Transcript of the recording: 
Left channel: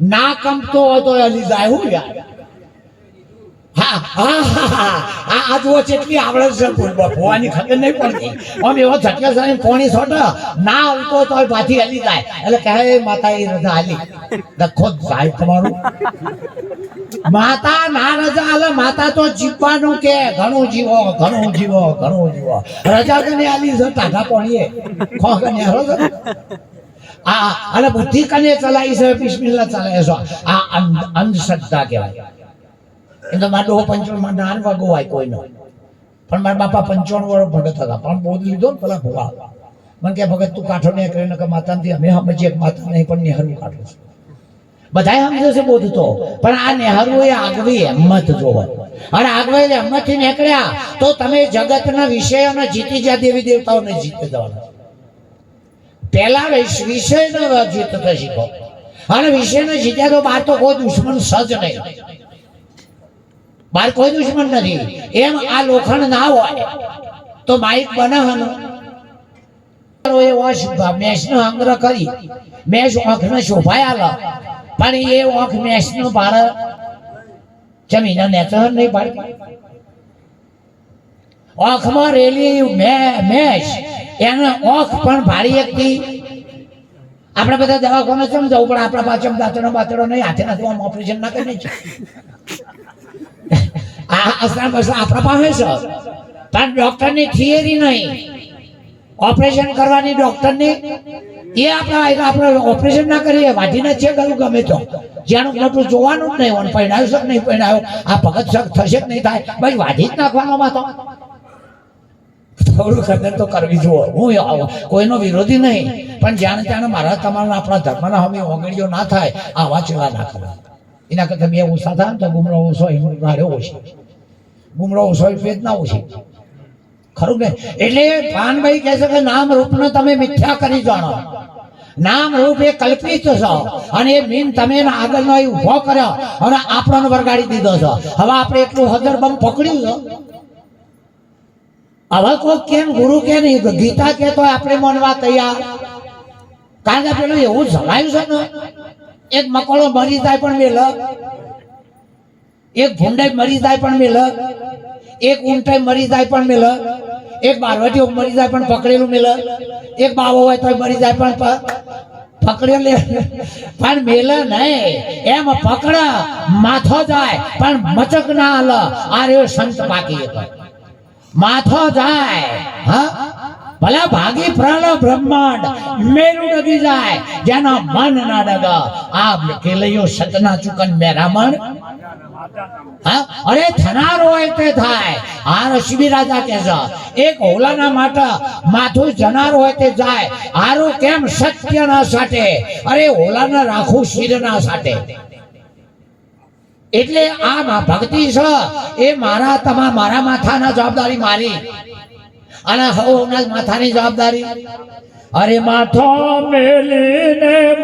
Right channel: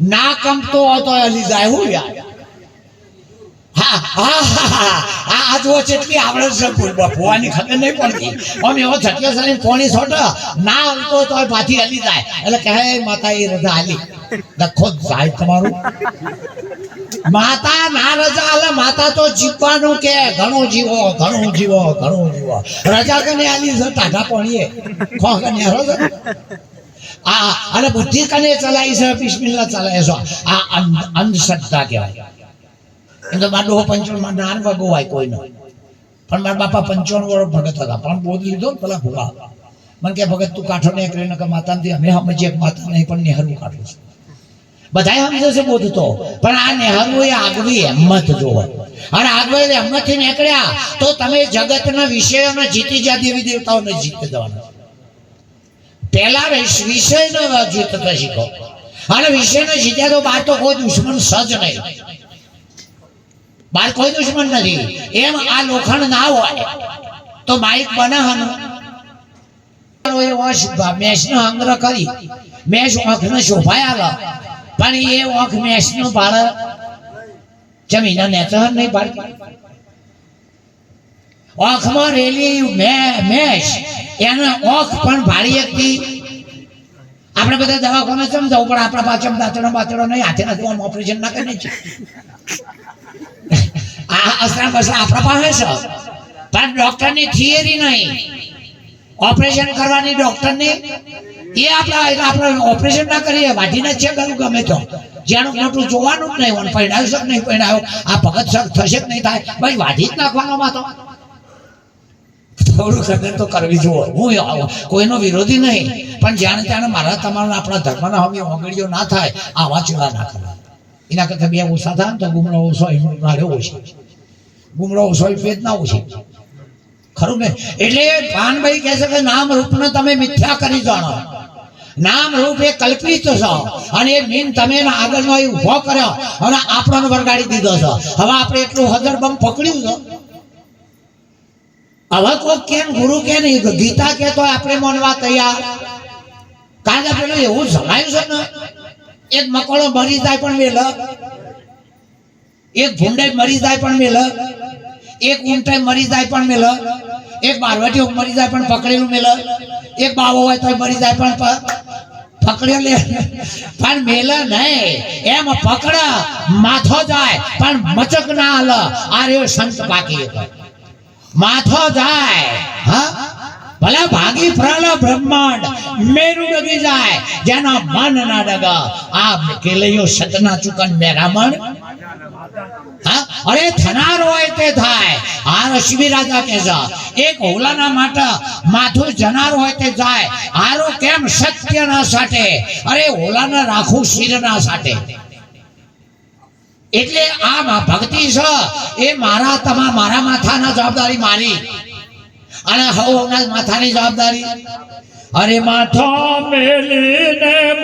ના કંપતો હોય તો હલી જાય હું યાર હલી એટલે માતા હાલી તમારું માતા ના રજા હાલે માતા તો જીવવાનું કે ઘણું જીવો ઘણું જીવો ઘણું જીવો રજા કને આલી છે ટાઢા આ, અને બુદ્ધિ કને ચલાવી છે, બિસ્મિલ્લાહ ચલાવે છે. આ અંધશ્રદ્ધા કહેવાય. એમ તો મારા ડોહો પંચાવન નાન વાગો હોય કોઈનો. પણ મારા બાપા પંચોણ વર્ષ ભગત હતા. પણ બોધ લીધો ને પેલા ભૂવા મને કે ભગત, તું કાઠો ને કરીને કે માતાથી અમે સમજીએ માતા નહીં, પણ નેહરું કાઢું છું. બધાએ સમજે છે બોધ તો. પણ આ નેહરુ એ આગવી હિંમત જોવો. અને આગવી હિંમતથી નીકળ્યા તો તમે જગતના વિષયોને જીતી જ્યાં દેવી દેવતાઓને જીતી જવાના. પહેલા વિષ- વિષયનો જીતતા શીખો. અને વિષયને શીખ્યા તો બાર તો કોઈ દુશ્મન સજ નહીં. બાર કોઈ દુશ્મન નથી. એમ આ લોખંડ ના હોય, તો માઇક બનાવવાનું એ વોશ મેષનો સંગ્રહ કરી. મેષ આંખને શોભાયા પણ એ આંખ મેષનું ભાડે જમીન નેત્ર નહીં પાડતી. આંખમાં રેલી મેચ. એનો ઓખ પણ ભારી હતી. આપણે બધા દવાખાને ચમ જવું પણ આપણા પાછળ દાંતડો બાતડો નહીં, હાથે નથી ઓપરેશન ના કરી છે આ અસર બસર આપણા પાસે છે. પણ ડોક્ટરની થિયરી નહીં. ઓપરેશન કરવાની ડૉક્ટરની એ આપણા આપણે ઓપરેશન ના કરીએ. વાઢીને છે કરું ગમે તો. જેનું મોટું જોવાનું જ નહીં હોય પહેણાવ્યો નહીં પહેણાવ્યો આ ભગત થશે જ નહીં થાય? ભાઈ, વાઢી જ નાખવાનો માં તો. થોડું ખબર તો કરવી જુઓ. હું આવું. કોઈનો વિરોધી નહીં. પણ જાણે જાણે મારા તમારા આપણા ધર્મના હમી ઓગળીઓ ના થાય, આવા ચેલા ના કરવા એના કરતા બે ઓછા થાય તો ગુમરો ઓછો એનો રાડે ઓછી. ગુમરો ઓછો એ પેજ ના ઓછો. ખરું ને એટલે પાનભાઈ કહે છે કે નામ રૂપને તમે મિથ્યા કરી જાણો. નામ રૂપ એ કલ્પિત છો. અને એ મીન તમે આગળનો ઊભો કર્યો. અને આપણને વરગાડી દીધો છો. હવે આપણે એટલું હજર બમ પકડ્યું છે. હવે કોઈ કેમ, ગુરુ કે નહીં? ગીતા કે તો આપણે માનવા તૈયાર. કારણ કે પેલું એવું જણાયું છે ને, એક મકોડો મરી જાય પણ મેલ એક ભૂંડાઈ મરી જાય પણ મેલ એક ઊંટાઈ મરી જાય પણ મેલ એક બારવટીઓ મરી જાય પણ પકડેલું મેલ એક બાવો હોય તો મરી જાય પણ પકડેલું પણ મેલ નહીં. એમ પકડ, માથો જાય, પણ મચક ના હાલ આ રહ્યો સંત બાકી. માથો જાય, હા? ભાગી પ્રલ બ્રહ્માંડ, મેરું ડગી જાય, જેના મન ના ડગા. આ કેલૈયો સતના ચુકન મેરામણ હા? અરે થનાર હોય તે થાય. આ રશ્મિ રાજા કે જા એક હોલાના માટે માથું જનાર હોય તે જાય. હારું કેમ સત્ય ના સાટે અરે હોલાને રાખું શિર ના સાટે એટલે આ ભક્તિ છે, એ મારા તમા, મારા માથાના જવાબદારી મારી. અને હવના માથાની જવાબદારી. અરે માથો મેલીને